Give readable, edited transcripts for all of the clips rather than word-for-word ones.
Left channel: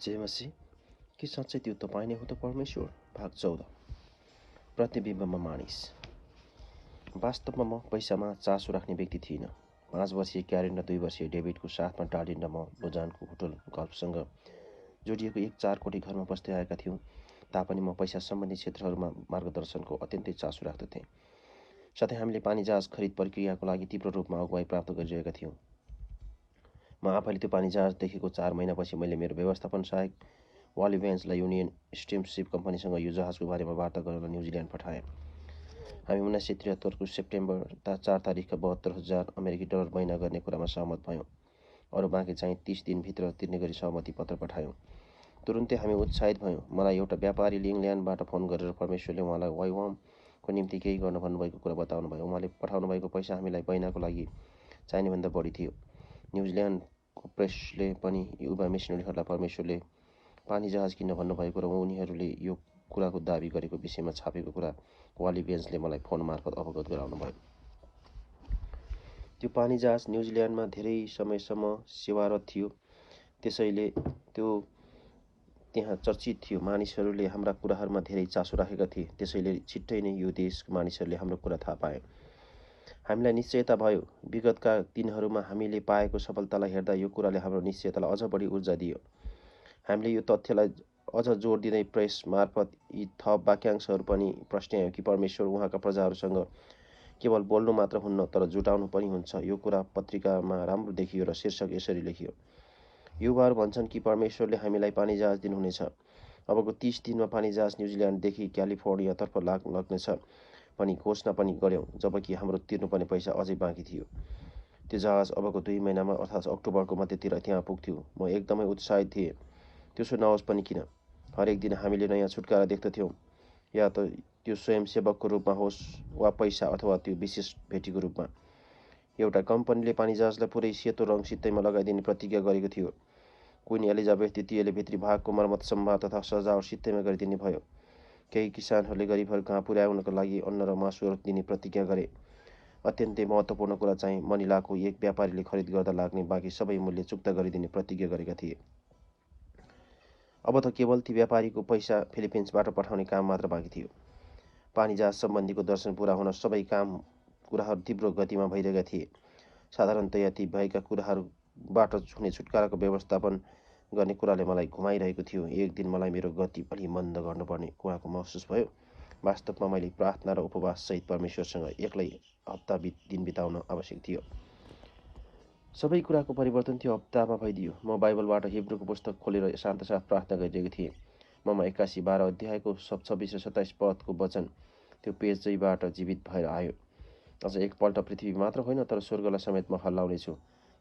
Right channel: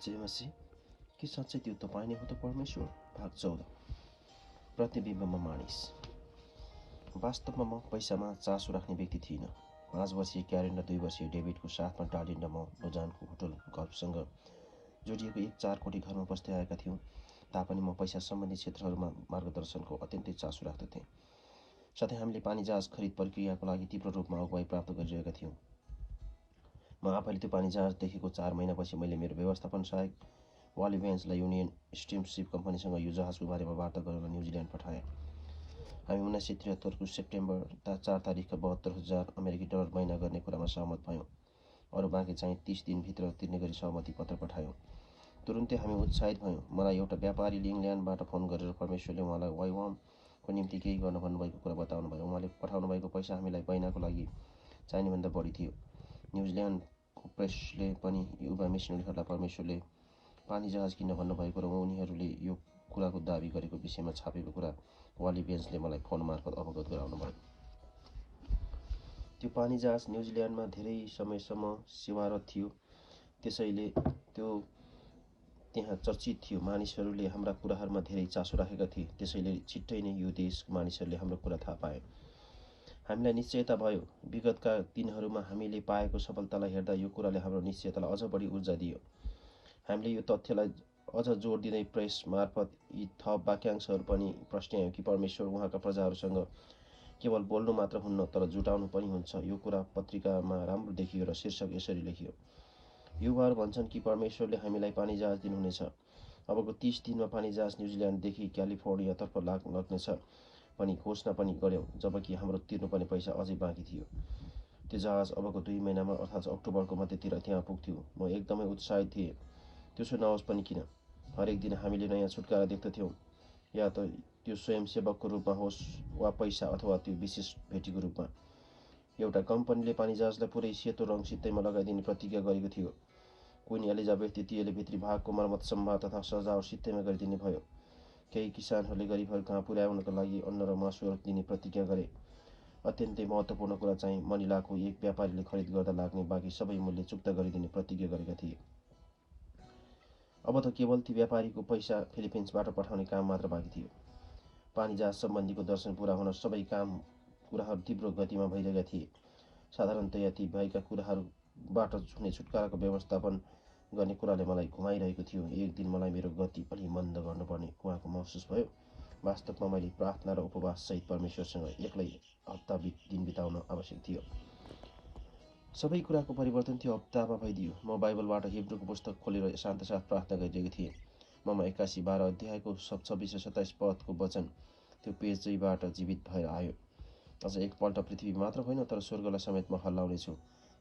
जय मसी, के साँच्चै त्यो तपाईँ नै हो त परमेश्वर? भाग 14। प्रतिबिम्बमा मानिस। वास्तवमा म पैसामा चासो राख्ने व्यक्ति थिइनँ। 5 वर्षीय क्यारेन र 2 वर्षीय डेभिडको साथमा टाढिएर म लोजानको होटल गल्फसँग जोडिएको एक 4 कोठी घरमा बस्दै आएका थियौँ तापनि म पैसा सम्बन्धी क्षेत्रहरूमा मार्गदर्शनको अत्यन्तै चासो राख्दथेँ। साथै हामीले पानी जहाज खरिद प्रक्रियाको लागि तीव्र रूपमा अगुवाई प्राप्त गरिरहेका थियौँ। म आफैले त्यो पानी जहाज देखेको 4 महिनापछि मैले मेरो व्यवस्थापन सहायक वाली भेन्सलाई युनियन स्टिमसिप कम्पनीसँग यो जहाजको बारेमा वार्ता गर्न न्युजिल्यान्ड पठाएँ। हामी 1973 को सेप्टेम्बर 4 तारिखका 72,000 अमेरिकी डलर महिना गर्ने कुरामा सहमत भयौँ। अरू बाँकी चाहिँ 30 दिनभित्र तिर्ने गरी सहमति पत्र पठायौँ। तुरुन्तै हामी उत्साहित भयौँ। मलाई एउटा व्यापारीले इङ्ल्यान्डबाट फोन गरेर परमेश्वरले उहाँलाई वाइवामको निम्ति केही गर्न भन्नुभएको कुरा बताउनु भयो। उहाँले पठाउनु भएको पैसा हामीलाई महिनाको लागि चाहिनेभन्दा बढी थियो। न्युजिल्यान्डको प्रेसले पनि युवा मिसनरीहरूलाई परमेश्वरले पानी जहाज किन्न भन्नुभएको र उनीहरूले यो कुराको दाबी गरेको विषयमा छापेको कुरा वाली बेन्सले मलाई फोन मार्फत अवगत गराउनु भयो। त्यो पानी जहाज न्युजिल्यान्डमा धेरै समयसम्म सेवारत थियो, त्यसैले त्यो त्यहाँ चर्चित थियो। मानिसहरूले हाम्रा कुराहरूमा धेरै चासो राखेका थिए, त्यसैले छिट्टै नै यो देशका मानिसहरूले हाम्रो कुरा थाहा पाए। हामीलाई निश्चयता भयो। विगतका दिनहरूमा हामीले पाएको सफलतालाई हेर्दा यो कुराले हाम्रो निश्चयतालाई अझ बढी ऊर्जा दियो। हामीले यो तथ्यलाई अझ जोड दिँदै प्रेस मार्फत यी थप वाक्यांशहरू पनि प्रश्नायौँ कि परमेश्वर उहाँका प्रजाहरूसँग केवल बोल्नु मात्र हुन्न तर जुटाउनु पनि हुन्छ। यो कुरा पत्रिकामा राम्रो देखियो र शीर्षक यसरी लेखियो, युवाहरू भन्छन् कि परमेश्वरले हामीलाई पानी जहाज दिनुहुनेछ। अबको 30 दिनमा पानी जहाज न्युजिल्यान्डदेखि क्यालिफोर्नियातर्फ लाग्नेछ पनि घोषणा पनि गऱ्यौँ, जबकि हाम्रो तिर्नुपर्ने पैसा अझै बाँकी थियो। त्यो जहाज अबको 2 महिनामा अर्थात् अक्टोबरको मध्यतिर त्यहाँ पुग्थ्यो। म एकदमै उत्साहित थिएँ। त्यसो नहोस् पनि किन, हरेक दिन हामीले नयाँ छुटकारा देख्दथ्यौँ, या त त्यो स्वयंसेवकको रूपमा होस् वा पैसा अथवा त्यो विशेष भेटीको रूपमा। एउटा कम्पनीले पानी जहाजलाई पुरै सेतो रङ सित्तैमा लगाइदिने प्रतिज्ञा गरेको थियो। क्वीन एलिजाबेथ द्वितीयले भित्री भागको मर्मत सम्भार तथा सजावट सित्तैमा गरिदिने भयो। केही किसानहरूले गरिबहरू कहाँ पुर्याउनका लागि अन्न र मासुहरू दिने प्रतिज्ञा गरे। अत्यन्तै महत्त्वपूर्ण कुरा चाहिँ मनिलाको एक व्यापारीले खरिद गर्दा लाग्ने बाँकी सबै मूल्य चुक्ता गरिदिने प्रतिज्ञा गरेका थिए। अब त केवल ती व्यापारीको पैसा फिलिपिन्सबाट पठाउने काम मात्र बाँकी थियो। पानी जहाज सम्बन्धीको दर्शन पुरा हुन सबै कुराहरू तीव्र गतिमा भइरहेका थिए। साधारणतया ती भएका कुराहरूबाट हुने छुटकाराको व्यवस्थापन गर्ने कुराले मलाई घुमाइरहेको थियो। एक दिन मलाई मेरो गति अलि मन्द गर्नुपर्ने उहाँको महसुस भयो। वास्तवमा मैले प्रार्थना र उपवाससहित परमेश्वरसँग एक्लै दिन बिताउन आवश्यक थियो। सबै कुराको परिवर्तन त्यो हप्तामा भइदियो। म बाइबलबाट हिब्रूको पुस्तक खोलेर शान्तसाथ प्रार्थना गरिरहेको थिएँ। ममा 81:12 अध्यायको 26 र 27 पदको वचन त्यो पेजैबाट जीवित भएर आयो। अझ एकपल्ट पृथ्वी मात्र होइन तर स्वर्गलाई समेत म हल्लाउनेछु,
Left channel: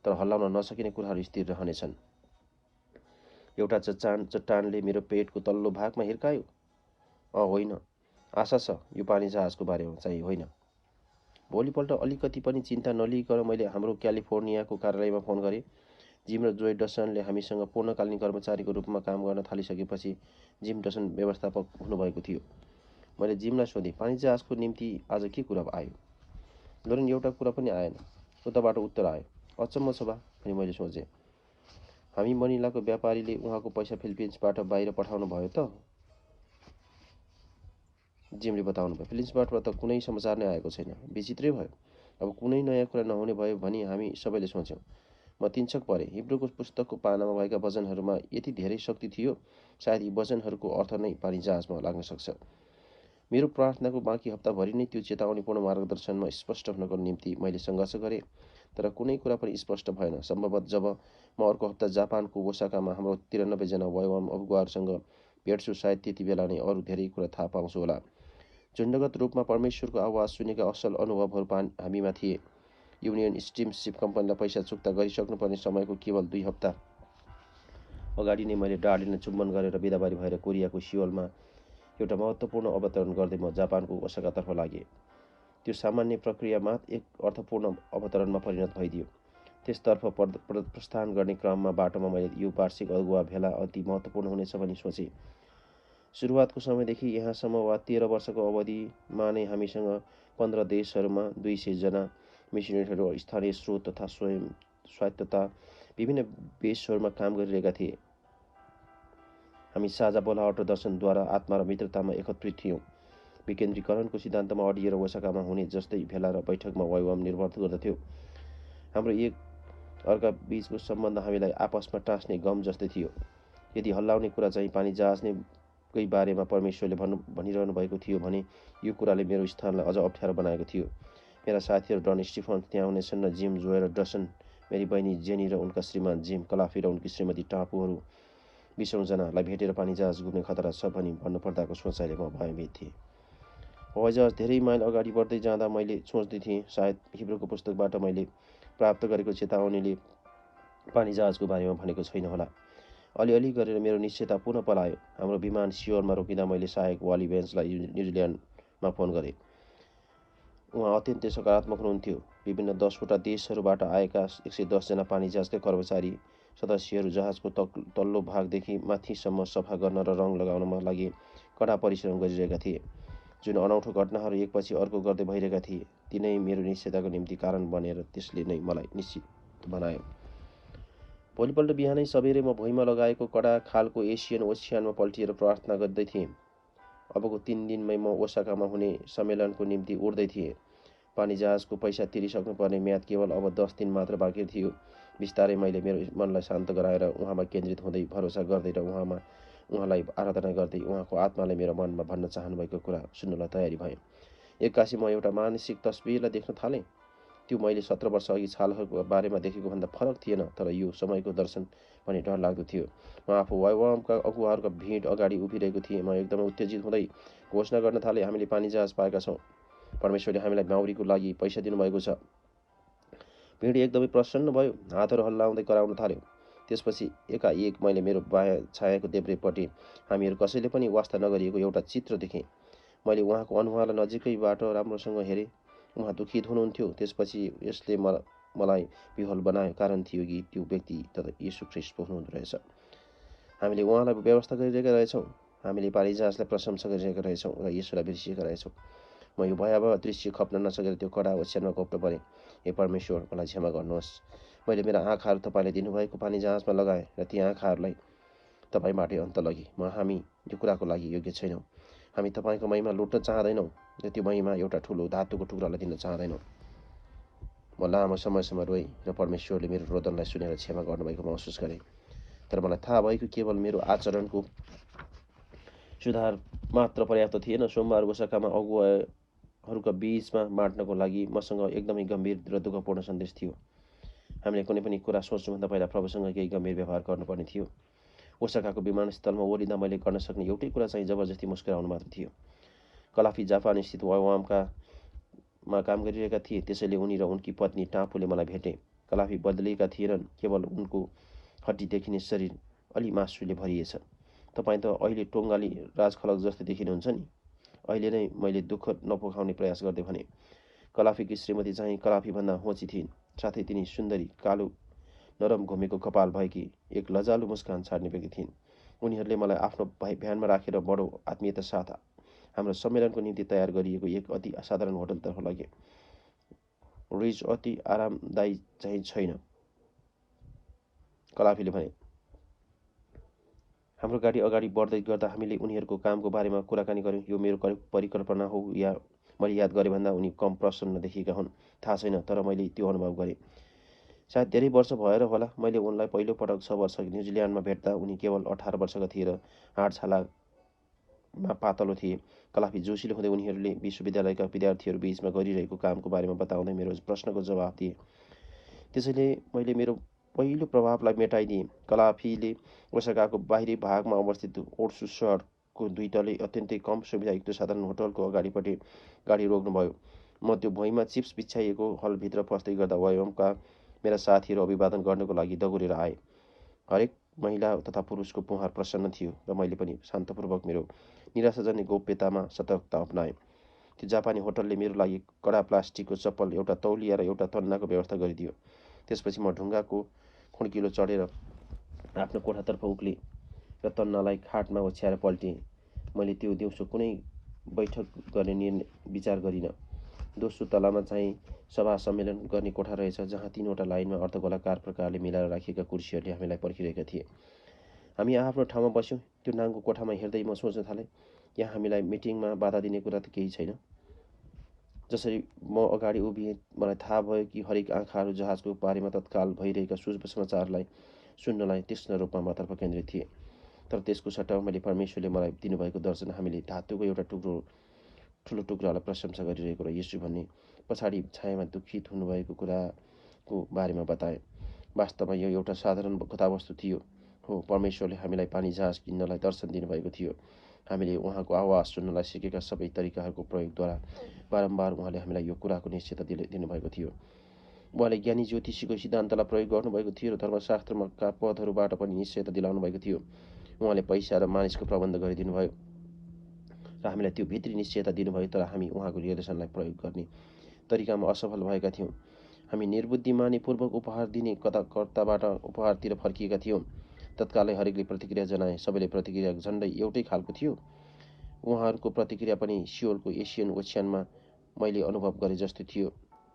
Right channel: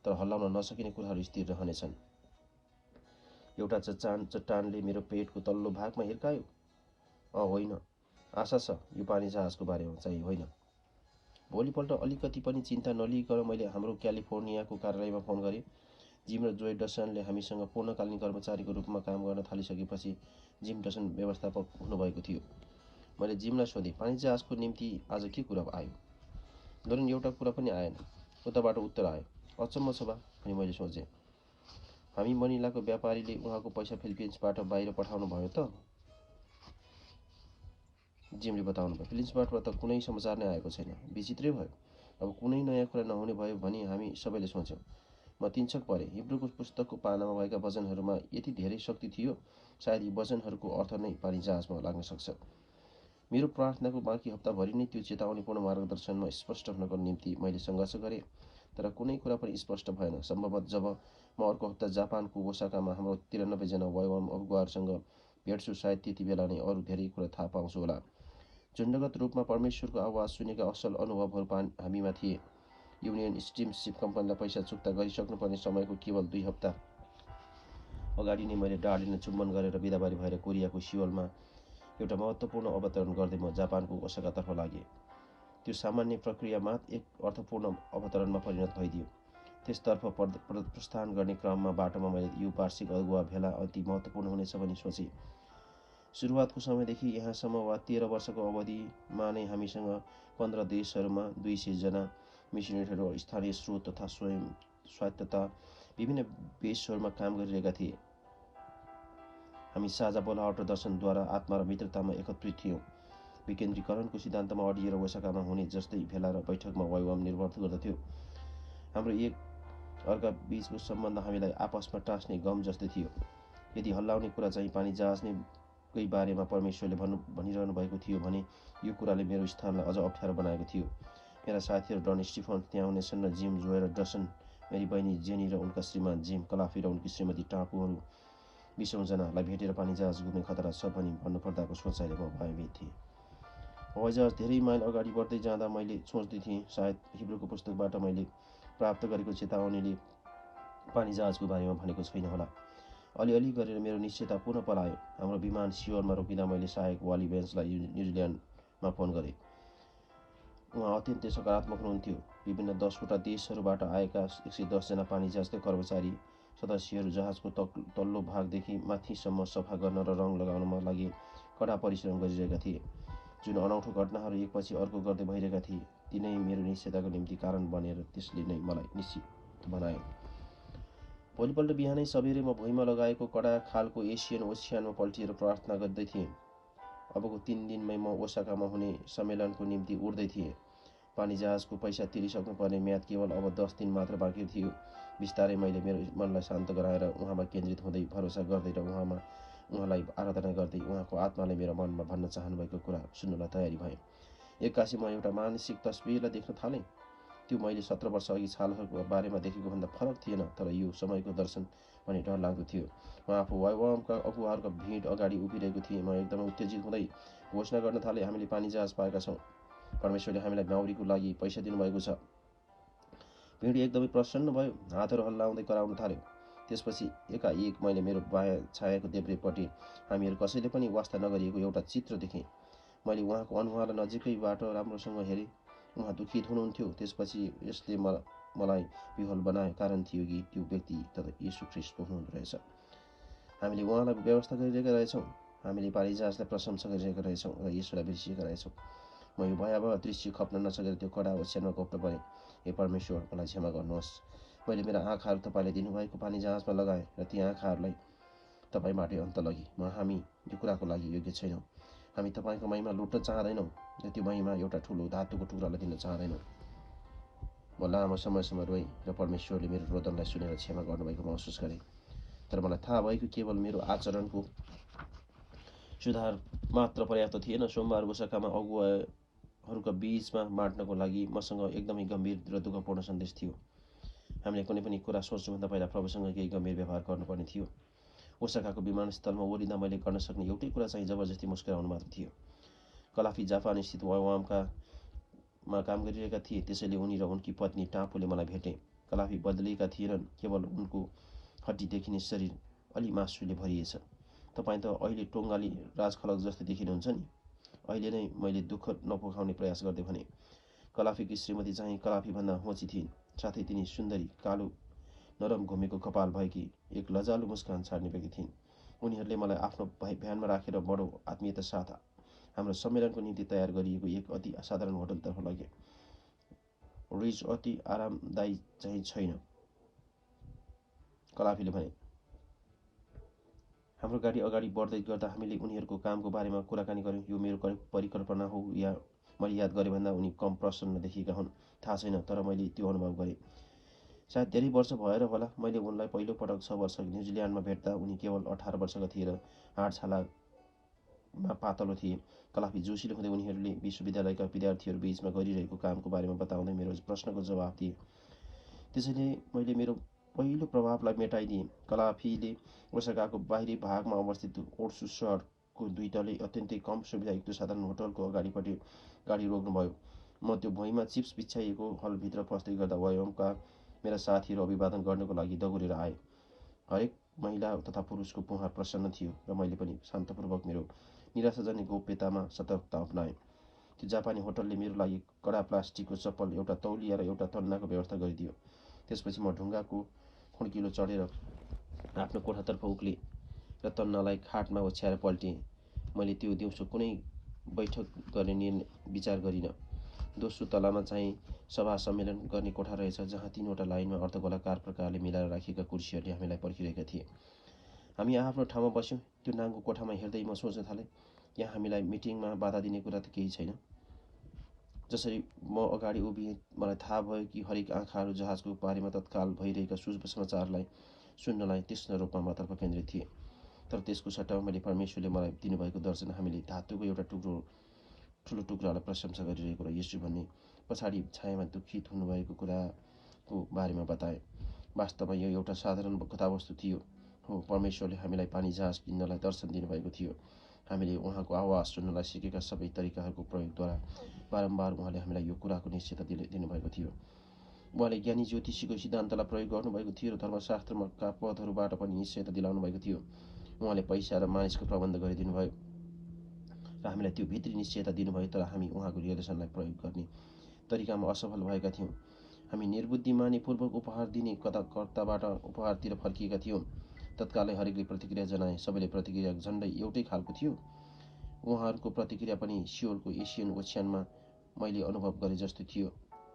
तर हल्लाउन नसकिने कुराहरू स्थिर रहनेछन्। एउटा चट्टानले मेरो पेटको तल्लो भागमा हिर्कायो। होइन, आशा छ, यो पानी जहाजको बारेमा चाहिँ होइन। भोलिपल्ट अलिकति पनि चिन्ता नलिइकन मैले हाम्रो क्यालिफोर्नियाको कार्यालयमा फोन गरेँ। जिम र जोय डसनले हामीसँग पूर्णकालीन कर्मचारीको रूपमा काम गर्न थालिसकेपछि जिम डसन व्यवस्थापक हुनुभएको थियो। मैले जिमलाई सोधेँ, पानी जहाजको निम्ति आज के कुरा आयो? लोरेन, एउटा कुरा पनि आएन। उताबाट उत्तर आयो, अचम्म छ बा भनी मैले सोचेँ। हामी मनिलाको व्यापारीले उहाँको पैसा फिलिपिन्सबाट बाहिर पठाउनु भयो त? जिमले बताउनु भयो। फिलिपिन्सबाट त कुनै समाचार नै आएको छैन। विचित्रै भयो। अब कुनै नयाँ कुरा नहुने भयो भनी हामी सबैले सोच्यौँ। म तिनछक परेँ। हिब्रूको पुस्तकको पानामा भएका वचनहरूमा यति धेरै शक्ति थियो, सायद यी वचनहरूको अर्थ नै पानी जहाजमा लाग्न सक्छ। मेरो प्रार्थनाको बाँकी हप्ताभरि नै त्यो चेतावनीपूर्ण मार्गदर्शनमा स्पष्ट हुनको निम्ति मैले सङ्घर्ष गरेँ, तर कुनै कुरा पनि स्पष्ट भएन। सम्भवतः जब म अर्को हप्ता जापानको ओसाकामा हाम्रो 93 जना वाइवाम अगुवाहरूसँग भेट्छु, सायद त्यति बेला नै अरू धेरै कुरा थाहा पाउँछु होला। झुन्डगत रूपमा परमेश्वरको आवाज सुनेका असल अनुभवहरू हामीमा थिए। युनियन स्टिमसिप कम्पनीलाई पैसा चुक्ता गरिसक्नुपर्ने समयको केवल 2 हप्ता अगाडि नै मैले डार्लिनलाई चुम्बन गरेर बिदाबारी भएर कोरियाको सियोलमा एउटा महत्त्वपूर्ण अवतरण गर्दै म जापानको ओसाकातर्फ लागेँ। त्यो सामान्य प्रक्रिया मात्र एक अर्थपूर्ण अवतरणमा परिणत भइदियो। त्यसतर्फ प्रस्थान गर्ने क्रममा बाटोमा मैले यो वार्षिक अगुवा भेला अति महत्त्वपूर्ण हुनेछ भनी सोचेँ। सुरुवातको समयदेखि यहाँसम्म वा 13 वर्षको अवधिमा नै हामीसँग 15 देशहरूमा 200 जना मिसनरीहरू, स्थानीय स्रोत तथा स्वायत्तता विभिन्न बेसहरूमा काम गरिरहेका थिए। हामी साझा बोलावट र दर्शनद्वारा आत्मा र मित्रतामा एकत्रित थियौँ। विकेन्द्रीकरणको सिद्धान्तमा अडिएर ओसाकामा हुने जस्तै भेला र बैठकमा वाइवाम निर्भर गर्दथ्यो। हाम्रो एक अर्का बीचको सम्बन्ध हामीलाई आपसमा टाँस्ने गम जस्तै थियो। यदि हल्लाउने कुरा चाहिँ पानी जहाजकै बारेमा परमेश्वरले भनिरहनु भएको थियो भने यो कुराले मेरो स्थानलाई अझ अप्ठ्यारो बनाएको थियो। मेरा साथीहरू डन स्टिफन्स त्यहाँ हुनेछन् र जिम जोय र डसन, मेरी बहिनी जेनी र उनका श्रीमान जिम कलाफी र उनकी श्रीमती टापुहरू 20 जनालाई भेटेर पानी जहाज डुब्ने खतरा छ भनी भन्नुपर्दाको सोचाइले म भयभीत थिएँ। हवाईजहाज धेरै माइल अगाडि बढ्दै जाँदा मैले सोच्दै थिएँ सायद हिब्रूको पुस्तकबाट मैले प्राप्त गरेको चेतावनीले पानी जहाजको बारेमा भनेको छैन होला। अलिअलि गरेर मेरो निश्चयता पुनः पलायो। हाम्रो विमान सियोलमा रोकिँदा मैले सहायक वाली बेन्चलाई न्युजिल्यान्डमा फोन गरेँ। उहाँ अत्यन्तै सकारात्मक हुनुहुन्थ्यो। विभिन्न 10वटा देशहरूबाट आएका 110 जना पानी जहाजका कर्मचारी सदस्यहरू जहाजको तल्लो भागदेखि माथिसम्म सफा गर्न र रङ लगाउनमा लागि कडा परिश्रम गरिरहेका थिए। जुन अनौठो घटनाहरू एकपछि अर्को गर्दै भइरहेका थिए तिनै मेरो निश्चयताको निम्ति कारण बनेर त्यसले नै मलाई निश्चित बनायो। भोलिपल्ट बिहानै सबेरै म भुइँमा लगाएको कडा खालको एसियन ओसियानमा पल्टिएर प्रार्थना गर्दै थिएँ। अबको 3 दिनमै म ओसाकामा हुने सम्मेलनको निम्ति उड्दै थिएँ। पानी जहाजको पैसा तिरिसक्नुपर्ने म्याद केवल अब 10 दिन मात्र बाँकी थियो। बिस्तारै मैले मेरो मनलाई शान्त गराएर उहाँमा केन्द्रित हुँदै भरोसा गर्दै र उहाँलाई आराधना गर्दै उहाँको आत्माले मेरो मनमा भन्न चाहनुभएको कुरा सुन्नलाई तयारी भएँ। एक्कासी म एउटा मानसिक तस्बिरलाई देख्न थालेँ। त्यो मैले 17 वर्ष अघि छालहरूको बारेमा देखेको भन्दा फरक थिएन, तर यो समयको दर्शन पनि डर लाग्दो थियो। म आफू वाइवामका अगुवाहरूका भिड अगाडि उभिरहेको थिएँ। म एकदमै उत्तेजित हुँदै घोषणा गर्न थालेँ, हामीले पानी जहाज पाएका छौँ। परमेश्वरले हामीलाई माउरीको लागि पैसा दिनुभएको छ। भिड एकदमै प्रसन्न भयो, हातहरू हल्लाउँदै कराउन थाल्यो। त्यसपछि एकाएक मैले मेरो बायाँ छायाको देब्रेपट्टि हामीहरू कसैले पनि वास्ता नगरिएको एउटा चित्र देखेँ। मैले उहाँको अनुहारलाई नजिकैबाट राम्रोसँग हेरेँ। उहाँ दुखित हुनुहुन्थ्यो। त्यसपछि यसले मलाई विह्वल बनायो, कारण थियो कि त्यो व्यक्ति त येशू ख्रीष्ट पो हुनुहुँदो रहेछ। हामीले उहाँलाई व्यवस्था गरिरहेका रहेछौँ। हामीले पानी जहाजलाई प्रशंसा गरिरहेका रहेछौँ र येशूलाई बिर्सिएका रहेछौँ। म यो भयावह दृश्य खप्न नसकेर त्यो कडा ओछ्यानमा घोप्ट परेँ। हे परमेश्वर, मलाई क्षमा गर्नुहोस्। मैले मेरा आँखाहरू तपाईँले दिनुभएको पानी जहाजमा लगाएँ र ती आँखाहरूलाई तपाईँबाटै अन्त लगे। हामी यो कुराको लागि योग्य छैनौँ। हामी तपाईँको महिमा लुट्न चाहँदैनौँ र त्यो महिमा एउटा ठुलो धातुको टुक्रालाई दिन चाहँदैनौँ। म लामो समयसम्म रोएँ र परमेश्वरले मेरो रोदनलाई सुनेर क्षमा गर्नुभएको महसुस गरेँ। तर मलाई थाहा भएको केवल मेरो आचरणको सुधार मात्र पर्याप्त थिएन। सोमबार ओसाकामा अगुवाहरूका बीचमा बाँड्नको लागि मसँग एकदमै गम्भीर र दुःखपूर्ण सन्देश थियो। हामीले कुनै पनि कुरा सोच्नुभन्दा पहिला प्रभुसँग केही गम्भीर व्यवहार गर्नुपर्ने थियो। ओसाकाको विमानस्थलमा ओर्लिँदा मैले गर्न सक्ने एउटै कुरा चाहिँ जबरजस्ती मुस्कुराउनु मात्र थियो। कलाफी जापान स्थित वाइवाममा काम गरिरहेका थिए, त्यसैले उनी र उनकी पत्नी टापुले मलाई भेटे। कलाफी बदलिएका थिएनन्, केवल उनको हड्डी देखिने शरीर अलि मासुले भरिएछ। तपाईँ त अहिले टोङ्गाली राजखलक जस्तै देखिनुहुन्छ नि। अहिले नै मैले दुःख नपोखाउने प्रयास गर्दै भने। कलाफीकी श्रीमती चाहिँ कलाफीभन्दा होची थिइन्, साथै तिनी सुन्दरी, कालो नरम घुमेको कपाल भएकी एक लजालु मुस्कान छाड्ने व्यक्ति थिइन्। उनीहरूले मलाई आफ्नो भ्यानमा राखेर बडो आत्मीयता साथ हाम्रो सम्मेलनको निम्ति तयार गरिएको एक अति असाधारण होटलतर्फ लगे। रिज अति आरामदायी चाहिँ छैन, कलाफीले भने। हाम्रो गाडी अगाडि बढ्दै गर्दा हामीले उनीहरूको कामको बारेमा कुराकानी गर्यौँ। यो मेरो परिकल्पना हो या मैले याद गरेँ भन्दा उनी कम प्रसन्न देखिएका हुन्, थाहा छैन, तर मैले त्यो अनुभव गरेँ। सायद धेरै वर्ष भएर होला मैले उनलाई पहिलो पटक 6 वर्ष न्युजिल्यान्डमा भेट्दा उनी केवल 18 वर्षका थिए र हाडछालामा पातलो थिए। कलाफी जोसिलो हुँदै उनीहरूले विश्वविद्यालयका विद्यार्थीहरू बीचमा गरिरहेको कामको बारेमा बताउँदै मेरो प्रश्नको जवाफ दिए। त्यसैले मैले मेरो पहिलो प्रभावलाई मेटाइदिएँ। कलाफीले ओसाकाको बाहिरी भागमा अवस्थित ओट्सु सहरको 2 तले अत्यन्तै कम सुविधायुक्त साधारण होटलको अगाडिपट्टि गाडी रोक्नुभयो। म त्यो भुइँमा चिप्स बिछ्याइएको हलभित्र पस्दै गर्दा वाइवामका मेरा साथीहरू अभिवादन गर्नको लागि दगुरेर आए। हरेक महिला तथा पुरुषको मुहार प्रसन्न थियो र मैले पनि शान्तपूर्वक मेरो निराशाजन्य गोप्यतामा सतर्कता अपनाएँ। त्यो जापानी होटलले मेरो लागि कडा प्लास्टिकको चप्पल, एउटा तौलिया र एउटा तन्नाको व्यवस्था गरिदियो। त्यसपछि म ढुङ्गाको खुड्किलो चढेर आफ्नो कोठातर्फ उक्लेँ र तन्नालाई खाटमा ओछ्याएर पल्टिएँ। मैले त्यो दिउँसो कुनै बैठक गर्ने विचार गरिनँ। दोस्रो तलामा चाहिँ सभा सम्मेलन गर्ने कोठा रहेछ, जहाँ 3वटा लाइनमा अर्धगोलाकार प्रकारले मिलाएर राखिएका कुर्सीहरूले हामीलाई पर्खिरहेका थिए। हामी आफ्नो ठाउँमा बस्यौँ। त्यो नाङ्गो कोठामा हेर्दै म सोच्न थालेँ, यहाँ हामीलाई मिटिङमा बाधा दिने कुरा त केही छैन। जसरी म अगाडि उभिएँ, मलाई थाहा भयो कि हरेक आँखाहरू जहाजको बारेमा तत्काल भइरहेका शुभ समाचारलाई सुन्नलाई तीक्ष्ण रूपमा मतर्फ केन्द्रित थिए। तर त्यसको सट्टामा मैले परमेश्वरले मलाई दिनुभएको दर्शन हामीले धातुको एउटा ठुलो टुक्रालाई प्रशंसा गरिरहेको र येशू भन्ने पछाडि छायामा दुखित हुनुभएको कुराको बारेमा बताए। वास्तवमा यो एउटा साधारण कथावस्तु थियो। हो, परमेश्वरले हामीलाई पानी जहाज किन्नलाई दर्शन दिनुभएको थियो। हामीले उहाँको आवाज सुन्नलाई सिकेका सबै तरिकाहरूको प्रयोगद्वारा बारम्बार उहाँले हामीलाई यो कुराको निश्चयता दिनुभएको थियो। उहाँले ज्ञानी ज्योतिषीको सिद्धान्तलाई प्रयोग गर्नुभएको थियो र धर्मशास्त्रका पदहरूबाट पनि निश्चयता दिलाउनु भएको थियो। उहाँले पैसा र मानिसको प्रबन्ध गरिदिनु भयो र हामीलाई त्यो भित्री निश्चयता दिनुभयो। तर हामी उहाँको निर्देशनलाई प्रयोग गर्ने तरिकामा असफल भएका थियौँ। हामी निर्बुद्धिमानीपूर्वक उपहार दिने कर्ताबाट उपहारतिर फर्किएका थियौँ। तत्कालै हरेकले प्रतिक्रिया जनाए। सबैले प्रतिक्रिया झन्डै एउटै खालको थियो। उहाँहरूको प्रतिक्रिया पनि सियोलको एसियन ओछ्यानमा मैले अनुभव गरे जस्तो थियो।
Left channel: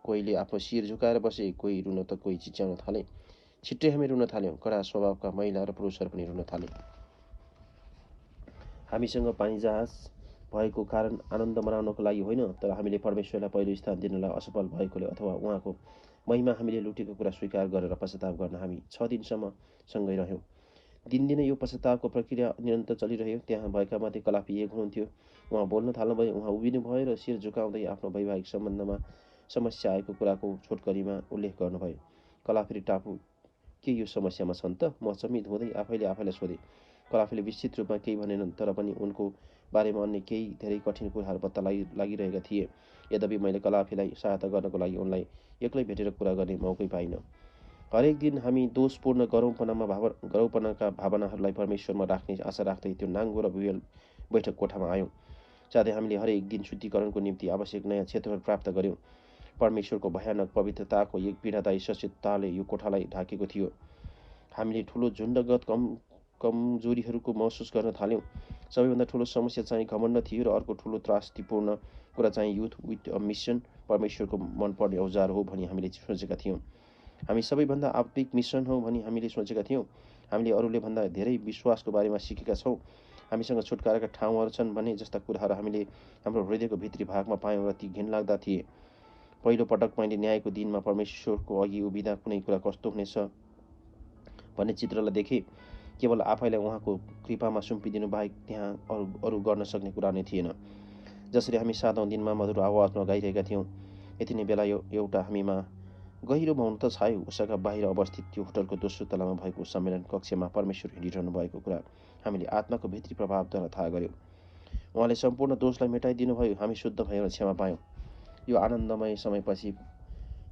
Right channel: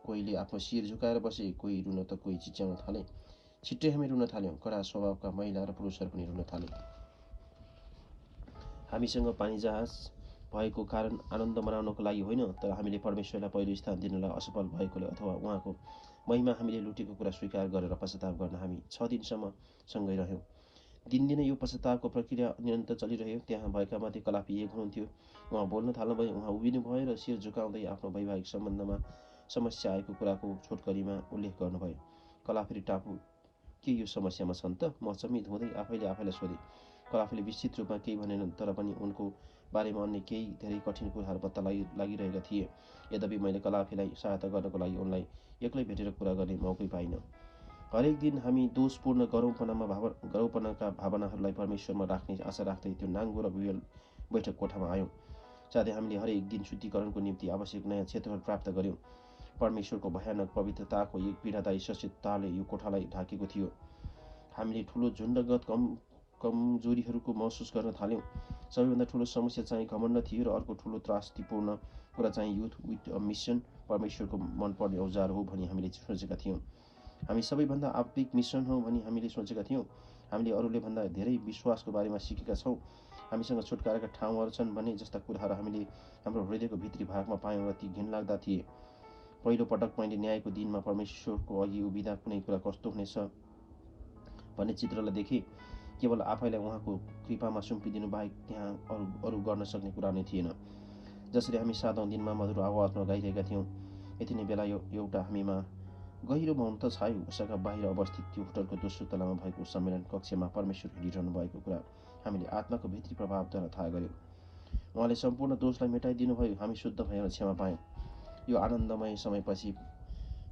कोहीले आफ्नो शिर झुकाएर बसे, कोही रुन त कोही चिच्याउन थाले। छिट्टै हामी रुन थाल्यौँ। कडा स्वभावका महिला र पुरुषहरू पनि रुन थाले। हामीसँग पानी जहाज भएको कारण आनन्द मनाउनको लागि होइन, तर हामीले परमेश्वरलाई पहिलो स्थान दिनलाई असफल भएकोले अथवा उहाँको महिमा हामीले लुटेको कुरा स्वीकार गरेर पश्चाताप गर्न हामी 6 दिनसम्म सँगै रह्यौँ। दिनदिनै यो पश्चातापको प्रक्रिया निरन्तर चलिरह्यो। त्यहाँ भएका मध्ये कलाफी एक हुनुहुन्थ्यो। उहाँ बोल्न थाल्नुभयो। उहाँ उभिनु भयो र शिर झुकाउँदै आफ्नो वैवाहिक सम्बन्धमा समस्या आएको कुराको छोटकरीमा उल्लेख गर्नुभयो। कलाफी टापु के यो समस्यामा छन् त? म अचम्मित हुँदै आफैलाई सोधेँ। कलाफीले विस्तृत रूपमा केही भनेनन्, तर पनि उनको बारेमा अन्य केही धेरै कठिन कुराहरू पत्ता लागिरहेका थिए। यद्यपि मैले कलाफीलाई सहायता गर्नको लागि उनलाई एक्लै भेटेर कुरा गर्ने मौकै पाइनँ। हरेक दिन हामी दोषपूर्ण गरौपनाका भावनाहरूलाई परमेश्वरमा राख्ने आशा राख्दै त्यो नाङ्गो र बुयल बैठक कोठामा आयौँ। साथै हामीले हरेक दिन शुद्धिकरणको निम्ति आवश्यक नयाँ क्षेत्रहरू प्राप्त गऱ्यौँ। परमेश्वरको भयानक पवित्रताको एक पीडादायी सचेतताले यो कोठालाई ढाकेको थियो। हामीले ठुलो झुन्डगत कमजोरीहरूको महसुस गर्न थाल्यौँ। सबैभन्दा ठुलो समस्या चाहिँ घमण्ड थियो र अर्को ठुलो त्रासदीपूर्ण कुरा चाहिँ युथ विथ अ मिसन, परमेश्वरको मनपर्ने औजार हो भनी हामीले सोचेका थियौँ। हामी सबैभन्दा आत्मिक मिसन हो भनी हामीले सोचेका थियौँ। हामीले अरूले भन्दा धेरै विश्वासको बारेमा सिकेका छौँ। हामीसँग छुटकाराका ठाउँहरू छन् भन्ने जस्ता कुराहरू हामीले हाम्रो हृदयको भित्री भागमा पायौँ र ती घिनलाग्दा थिए। पहिलो पटक मैले न्यायको दिनमा परमेश्वरको अघि उभिँदा कुनै कुरा कस्तो हुनेछ भन्ने चित्रलाई देखेँ। केवल आफैलाई उहाँको कृपामा सुम्पिदिनु बाहेक त्यहाँ अरू गर्न सक्ने कुरा नै थिएन। जसरी हामी 7औं दिनमा मधुर आवाजमा गाइरहेका थियौँ, यति नै बेला एउटा हामीमा गहिरो मौनता छायो। उषाका बाहिर अवस्थित त्यो होटलको दोस्रो तलामा भएको सम्मेलन कक्षमा परमेश्वर हिँडिरहनु भएको कुरा हामीले आत्माको भित्री प्रभावद्वारा थाहा गऱ्यौँ। उहाँले सम्पूर्ण दोषलाई मेटाइदिनुभयो। हामी शुद्ध भयौँ र क्षमा पायौँ। यो आनन्दमय समयपछि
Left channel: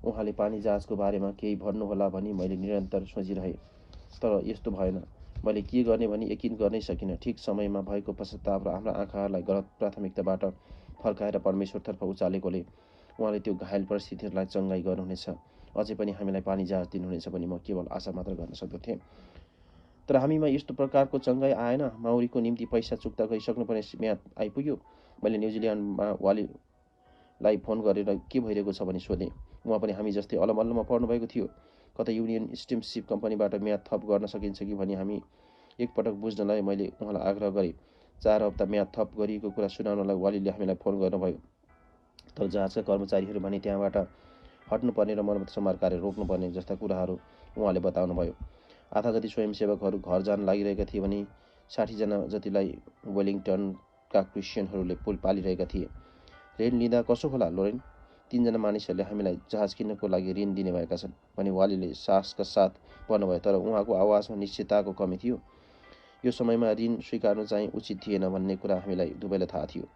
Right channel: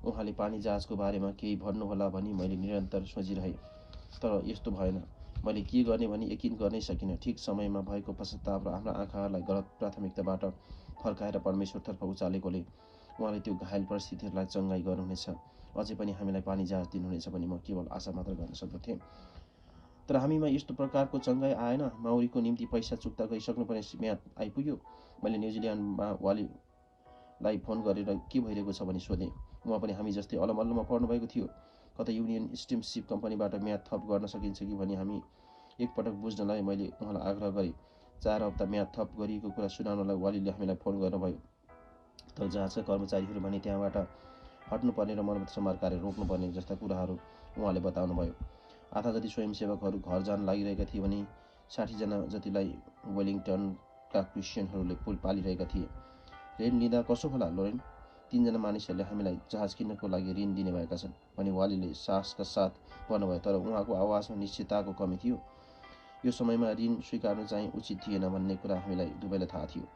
उहाँले पानी जहाजको बारेमा केही भन्नुहोला भनी मैले निरन्तर सोचिरहेँ। तर यस्तो भएन। मैले के गर्ने भनी यकिन गर्नै सकिनँ। ठिक समयमा भएको पश्चाताप र हाम्रा आँखाहरूलाई गलत प्राथमिकताबाट फर्काएर परमेश्वरतर्फ उचालेकोले उहाँले त्यो घायल परिस्थितिहरूलाई चङ्गाई गर्नुहुनेछ। अझै पनि हामीलाई पानी जहाज दिनुहुनेछ भनी म केवल आशा मात्र गर्न सक्दथेँ। तर हामीमा यस्तो प्रकारको चङ्गाई आएन। माउरीको निम्ति पैसा चुक्ता गरिसक्नुपर्ने म्याद आइपुग्यो। मैले न्युजिल्यान्डमा वालीलाई फोन गरेर के भइरहेको छ भनी सोधेँ। उहाँ पनि हामी जस्तै अलमल्लमा पर्नुभएको थियो। कतै युनियन स्टिमसिप कम्पनीबाट म्याद थप गर्न सकिन्छ कि भनी हामी एकपटक बुझ्नलाई मैले उहाँलाई आग्रह गरेँ। 4 हप्ता म्याद थप गरिएको कुरा सुनाउनलाई वालीले हामीलाई फोन गर्नुभयो। तर जहाजका कर्मचारीहरू भने त्यहाँबाट हट्नुपर्ने र मर्मत सम्हार कार्य रोक्नुपर्ने जस्ता कुराहरू उहाँले बताउनुभयो। आधा जति स्वयंसेवकहरू घर जान लागिरहेका थिए भने 60 जना जतिलाई वेलिङटनका क्रिस्चियनहरूले पालिरहेका थिए। ऋण लिँदा कसो होला लोरेन? 3 जना मानिसहरूले हामीलाई जहाज किन्नको लागि ऋण दिने भएका छन् भनी वालीले साहसका साथ भन्नुभयो। तर उहाँको आवाजमा निश्चितताको कमी थियो। यो समयमा ऋण स्वीकार्नु चाहिँ उचित थिएन भन्ने कुरा हामीलाई दुवैलाई थाहा थियो।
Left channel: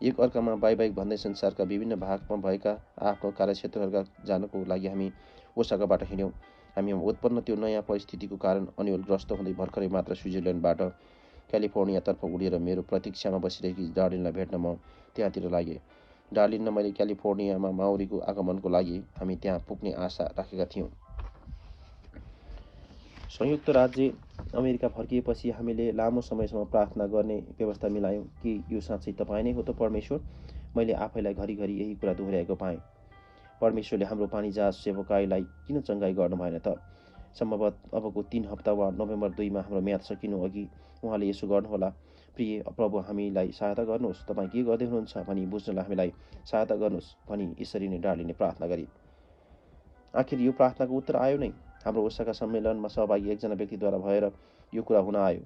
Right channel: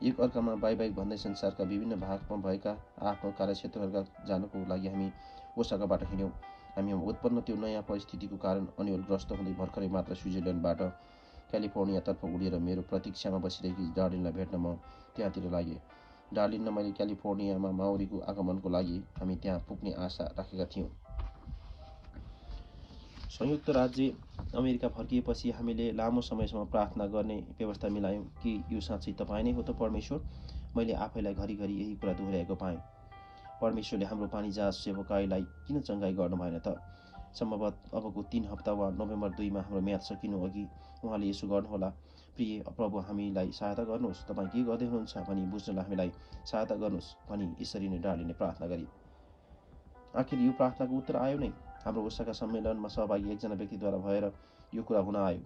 एक अर्कामा बाइक भन्दै संसारका विभिन्न भागमा भएका आफ्नो कार्यक्षेत्रहरूका जानको लागि हामी ओसाकाबाट हिँड्यौँ। हामीमा उत्पन्न त्यो नयाँ परिस्थितिको कारण अन्योलग्रस्त हुँदै भर्खरै मात्र स्विजरल्यान्डबाट क्यालिफोर्नियातर्फ उडेर मेरो प्रतीक्षामा बसिरहेकी डार्लिनलाई भेट्न म त्यहाँतिर लागेँ। डार्लिन र मैले क्यालिफोर्नियामा माउरीको आगमनको लागि हामी त्यहाँ पुग्ने आशा राखेका थियौँ। संयुक्त राज्य अमेरिका फर्किएपछि हामीले लामो समयसम्म प्रार्थना गर्ने व्यवस्था मिलायौँ। कि यो साँच्चै तपाईँ नै हो त परमेश्वर? मैले आफैलाई घरिघरि यही कुरा दोहोऱ्याएको पाएँ। परमेश्वरले हाम्रो पानी जहाज सेवकाईलाई किन चङ्गाई गर्नु भएन त? सम्भवतः अबको 3 हप्ता वा नोभेम्बर 2 मा हाम्रो म्याद सकिनु अघि उहाँले यसो गर्नुहोला। प्रिय प्रभु, हामीलाई सहायता गर्नुहोस्, तपाईँ के गर्दै हुनुहुन्छ भनी बुझ्नलाई हामीलाई सहायता गर्नुहोस् भनी यसरी नै डार्लिनले प्रार्थना गरी। आखिर यो प्रार्थनाको उत्तर आयो नै। हाम्रो ओसाका सम्मेलनमा सहभागी एकजना व्यक्तिद्वारा भएर यो कुरा हुन आयो,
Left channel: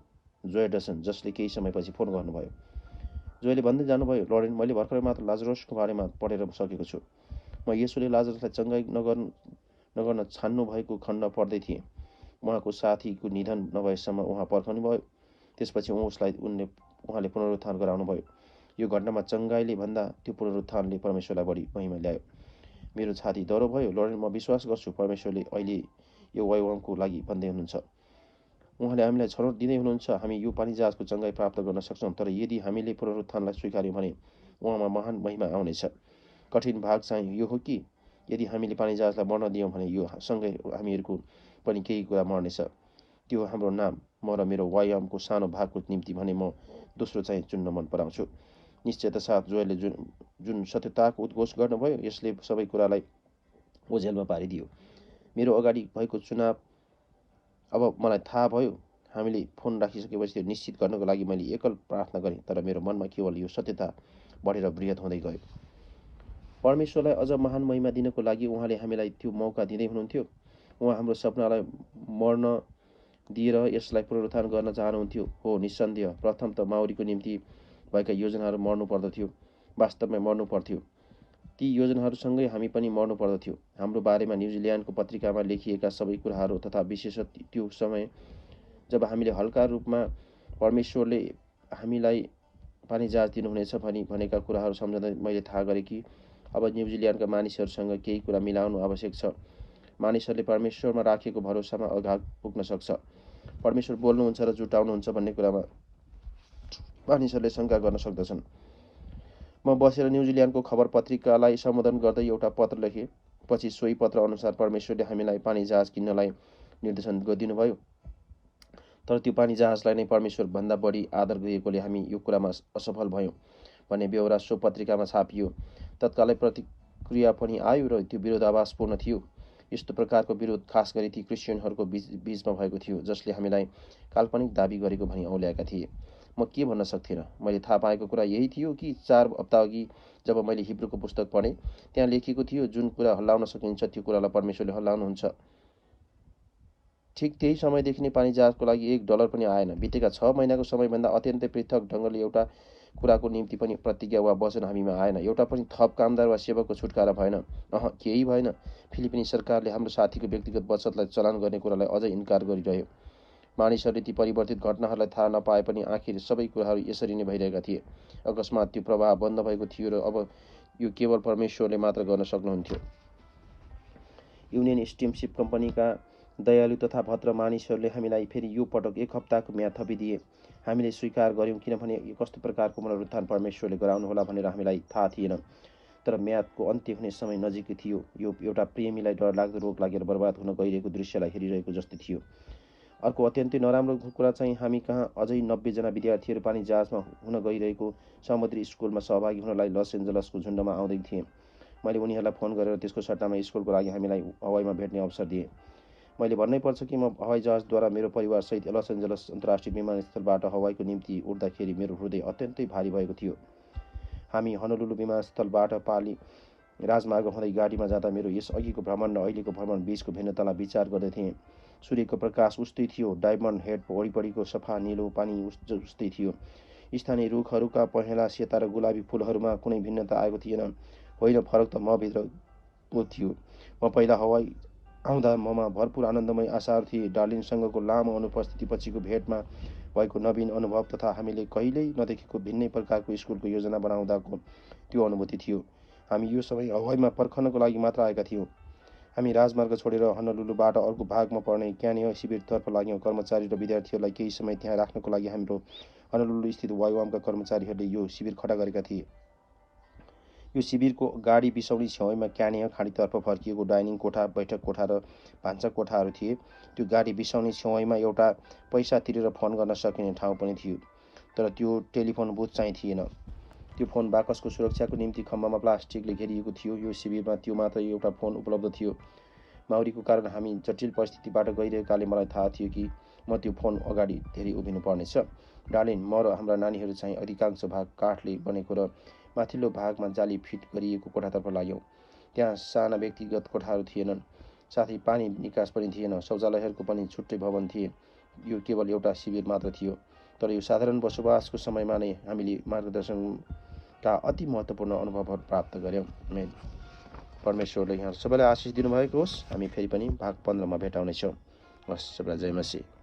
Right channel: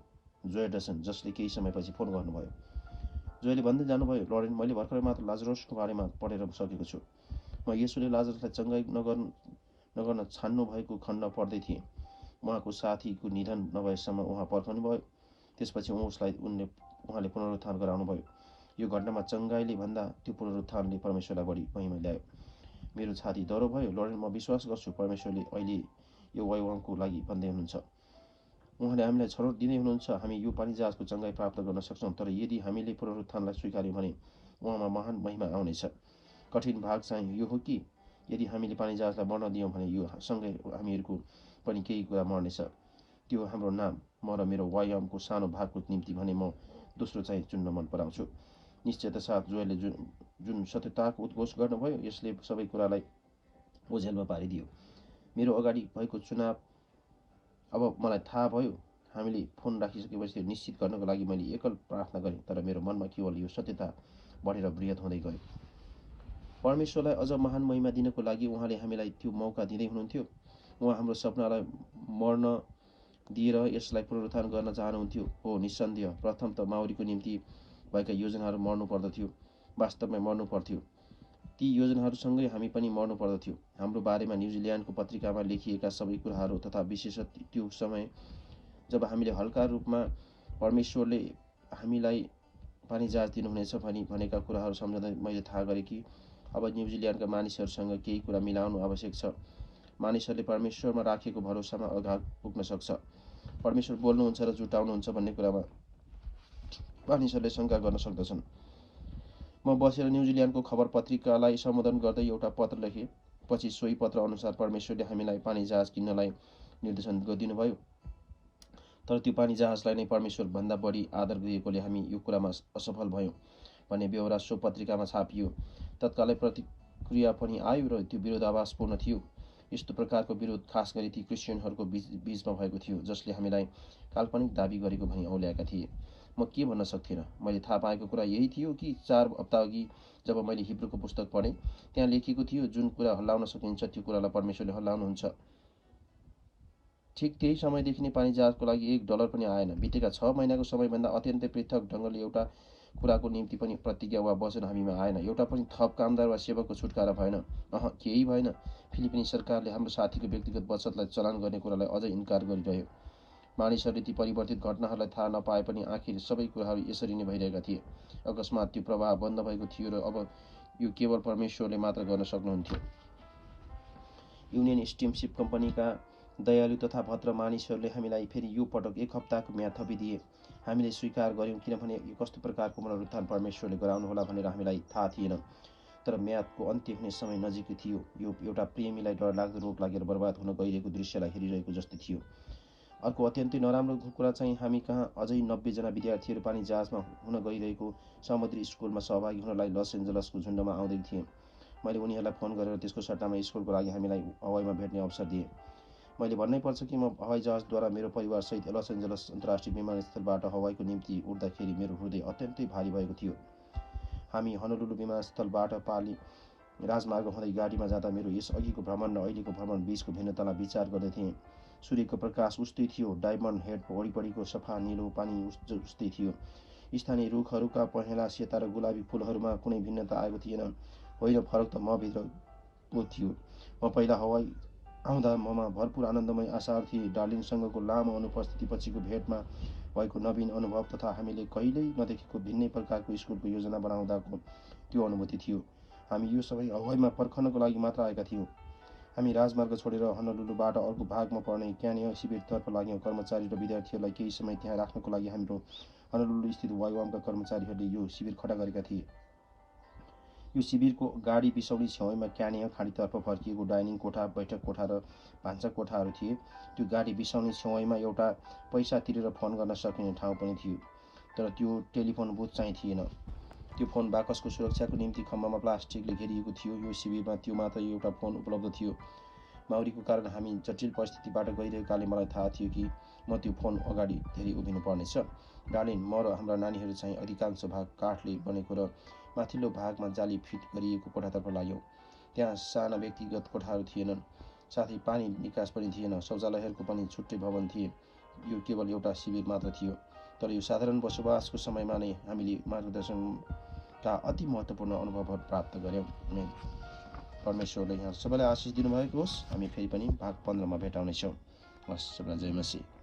जोय डसन, जसले केही समयपछि फोन गर्नुभयो। जोयले भन्दै जानुभयो, लरेन, मैले भर्खरै मात्र लाजरसको बारेमा पढेर सकेको छु। म येशूले लाजरसलाई चङ्गाई नगर्न छान्नु भएको खण्ड पढ्दै थिएँ। उहाँको साथीको निधन नभएसम्म उहाँ पर्खनुभयो। त्यसपछि उहाँले पुनरुत्थान गराउनुभयो। यो घटनामा चङ्गाईले भन्दा त्यो पुनरुत्थानले परमेश्वरलाई बढी महिमा ल्यायो। मेरो छाती दह्रो भयो। लरेन, म विश्वास गर्छु परमेश्वरले अहिले यो वैभवको लागि भन्दै हुनुहुन्छ। उहाँले हामीलाई छनौट दिँदै हुनुहुन्छ। हामी यो पानीजहाजको चङ्गाई प्राप्त गर्न सक्छौँ, तर यदि हामीले पुनरुत्थानलाई स्वीकार्यौँ भने उहाँमा महान महिमा आउनेछ। कठिन भाग चाहिँ यो हो कि यदि हामीले पानीजहाजलाई मर्न दियौँ भने यो सँगै हामीहरूको पनि केही कुरा मर्नेछ। त्यो हाम्रो नाम, म र मेरो व्यायामको सानो भागको निम्ति भने म दोस्रो चाहिँ चुन्न मन पराउँछु। निश्चयता साथ जोयले जुन सत्यताको उद्घोष गर्नुभयो यसले सबै कुरालाई ओझेलमा पारिदियो। मेरो अगाडि भएको चुनाव अब मलाई थाहा भयो। हामीले फोन राखिसकेपछि त्यो निश्चित गर्नको लागि मैले एकल प्रार्थना गरेँ, तर मेरो मनमा केवल यो सत्यता बढेर बृहत हुँदै गयो। परमेश्वरलाई अझ महान महिमा दिनको लागि उहाँले हामीलाई त्यो मौका दिँदै हुनुहुन्थ्यो। उहाँ हाम्रो सपनालाई मर्न दिएर यसलाई पुनरुत्थान गर्न चाहनुहुन्थ्यो। हो, निस्सन्देह प्रथम त माउरीको निम्ति भएका योजनाहरू मर्नु पर्दथ्यो, वास्तवमै मर्नु पर्थ्यो। ती योजनाहरूसँगै हामी पनि मर्नु पर्दथ्यो। हाम्रो बारेमा न्युजिल्यान्डको पत्रिकामा लेखिएका सबै कुराहरू तथा विशेषतः त्यो समय जब हामीले हल्का रूपमा परमेश्वरले हामीलाई पानीजहाज दिनुहुनेछ भनेका कुराहरू सम्झँदै मैले थाहा गरेँ कि अब न्युजिल्यान्डका मानिसहरूसँग केही कुरा मिलाउनु आवश्यक छ। मानिसहरूले परमेश्वरमा राखेको भरोसामा अगाडि पुग्न सक्छ। परमेश्वर बोल्नुहुन्छ र जुटाउनुहुन्छ भन्ने कुरामा मानिसहरूले शङ्का गर्न सक्दछन्। म बसेर न्युजिल्यान्डको खबर पत्रिकालाई सम्बोधन गर्दै एउटा पत्र लेखेँ। पछि सोही पत्र अनुसार परमेश्वरले हामीलाई पानीजहाज किन्नलाई निर्देशन दिनुभयो। तर त्यो पानीजहाजलाई नै परमेश्वरभन्दा बढी आदर गरिएकोले हामी यो कुरामा असफल भयौँ भन्ने बेहोरा सो पत्रिकामा छापियो। तत्कालै प्रतिक्रिया पनि आयो र त्यो विरोधाभासपूर्ण थियो। यस्तो प्रकारको विरोध खास गरी ती क्रिस्चियनहरूको बीचमा भएको थियो जसले हामीलाई काल्पनिक दाबी गरेको भनी औल्याएका थिए। म के भन्न सक्थिनँ। मैले थाहा पाएको कुरा यही थियो कि 4 हप्ताअघि जब मैले हिब्रूको पुस्तक पढेँ त्यहाँ लेखिएको थियो जुन कुरा हल्लाउन सकिन्छ त्यो कुरालाई परमेश्वरले हल्लाउनुहुन्छ। ठिक त्यही समयदेखि नै पानीजहाजको लागि $1 पनि आएन। बितेका 6 महिनाको समयभन्दा अत्यन्तै पृथक ढङ्गले एउटा कुराको निम्ति पनि प्रतिज्ञा वा वचन हामीमा आएन। एउटा पनि थप कामदार वा सेवकको छुटकारा भएन। केही भएन। फिलिपिनी सरकारले हाम्रो साथीको व्यक्तिगत बचतलाई चलान गर्ने कुरालाई अझै इन्कार गरिरह्यो। मानिसहरूले ती परिवर्तित घटनाहरूलाई थाहा नपाए पनि आखिर सबै कुराहरू यसरी नै भइरहेका थिए। अकस्मात त्यो प्रवाह बन्द भएको थियो र अब यो केवल परमेश्वरले मात्र गर्न सक्नुहुन्थ्यो। युनियन स्टिमसिप कम्पनीका दयालु तथा भद्र मानिसहरूले हामीलाई फेरि यो पटक 1 हप्ताको म्याद थपिदिए। हामीले स्वीकार गर्यौँ किनभने कस्तो प्रकारको पुनरुत्थान परमेश्वरले गराउनुहोला भनेर हामीलाई थाहा थिएन। तर म्यादको अन्त्य हुने समय नजिकै थियो। यो एउटा प्रेमीलाई डरलाग्दो रोग लागेर बर्बाद हुन गइरहेको दृश्यलाई हेरिरहेको जस्तै थियो। अर्को अत्यन्तै नराम्रो कुरा चाहिँ हामी कहाँ अझै 90 जना विद्यार्थीहरू पानीजहाजमा हुन गइरहेको समुद्री स्कुलमा सहभागी हुनलाई लस एन्जलसको झुन्डमा आउँदै थिए। मैले उनीहरूलाई फोन गरेर त्यसको सट्टामा स्कुलको लागि हामीलाई हवाईमा भेट्ने अवसर दिएँ। मैले भन्नै पर्छ कि म हवाईजहाजद्वारा मेरो परिवारसहित लस एन्जलस अन्तर्राष्ट्रिय विमानस्थलबाट हवाईको निम्ति उड्दाखेरि मेरो हृदय अत्यन्तै भारी भएको थियो। हामी हनोलुलु विमानस्थलबाट पाली राजमार्ग हुँदै गाडीमा जाँदा मेरो यस अघिको भ्रमण र अहिलेको भ्रमण बीचको भिन्नतालाई विचार गर्दै थिएँ। सूर्यको प्रकाश उस्तै थियो। डायमन्ड हेड वरिपरिको सफा निलो पानी उस्तै थियो। स्थानीय रुखहरूका पहेँला सेता र गुलाबी फुलहरूमा कुनै भिन्नता आएको थिएन। होइन, फरक त म भित्र पो थियो। म पहिला हवाई आउँदा ममा भरपूर आनन्दमय आशाहरू थिए। डार्लिनसँगको लामो अनुपस्थितिपछिको भेटमा भएको नवीन अनुभव तथा हामीले कहिल्यै नदेखेको भिन्नै प्रकारको स्कुलको योजना बनाउँदाको त्यो अनुभूति थियो। हामी यो समय हवाईमा पर्खनको लागि मात्र आएका थियौँ। हामी राजमार्ग छोडेर हनोलुलुबाट अर्को भागमा पर्ने क्यानिय शिविरतर्फ लाग्यौँ। कर्मचारी र विद्यार्थीहरूलाई केही समय त्यहाँ राख्नको लागि हाम्रो हनोलुलु स्थित वायुआमका कर्मचारीहरूले यो शिविर खडा गरेका थिए। यो शिविरको गाडी बिसाउने छेउमा क्यानिय खाडीतर्फ फर्किएको डाइनिङ कोठा, बैठक कोठा र भान्सा कोठाहरू थिए। त्यो गाडी बिसाउने छेउमा एउटा पैसा तिरेर फोन गर्न सकिने ठाउँ पनि थियो, तर त्यो टेलिफोन बुथ चाहिँ थिएन। त्यो फोन बाकसको सुरक्षाको निम्ति खम्बामा प्लास्टिकले घेरिएको थियो। यो शिविरमा त्यो मात्र एउटा फोन उपलब्ध थियो। माउरीको कारण हामी जटिल परिस्थितिबाट गइरहेकाले मलाई थाहा थियो कि म त्यो फोन अगाडि धेरै उभिनु पर्नेछ। डार्लिन, म र हाम्रा नानीहरू चाहिँ अधिकांश भाग काठले बनेको र माथिल्लो भागमा जाली फिट गरिएको कोठातर्फ लाग्यौँ। त्यहाँ साना व्यक्तिगत कोठाहरू थिएनन्, साथै पानी निकास पनि थिएन, शौचालयहरूको पनि छुट्टै भवन थिए। यो केवल एउटा शिविर मात्र थियो, तर यो साधारण बसोबासको समयमा नै हामीले मार्गदर्शनका अति महत्त्वपूर्ण अनुभवहरू प्राप्त गऱ्यौँ। परमेश्वरले यहाँ सबैलाई आशिष दिनुभएको होस्। हामी फेरि पनि भाग 15मा भेटाउनेछौँ। हस्, सबैलाई जय मसीह।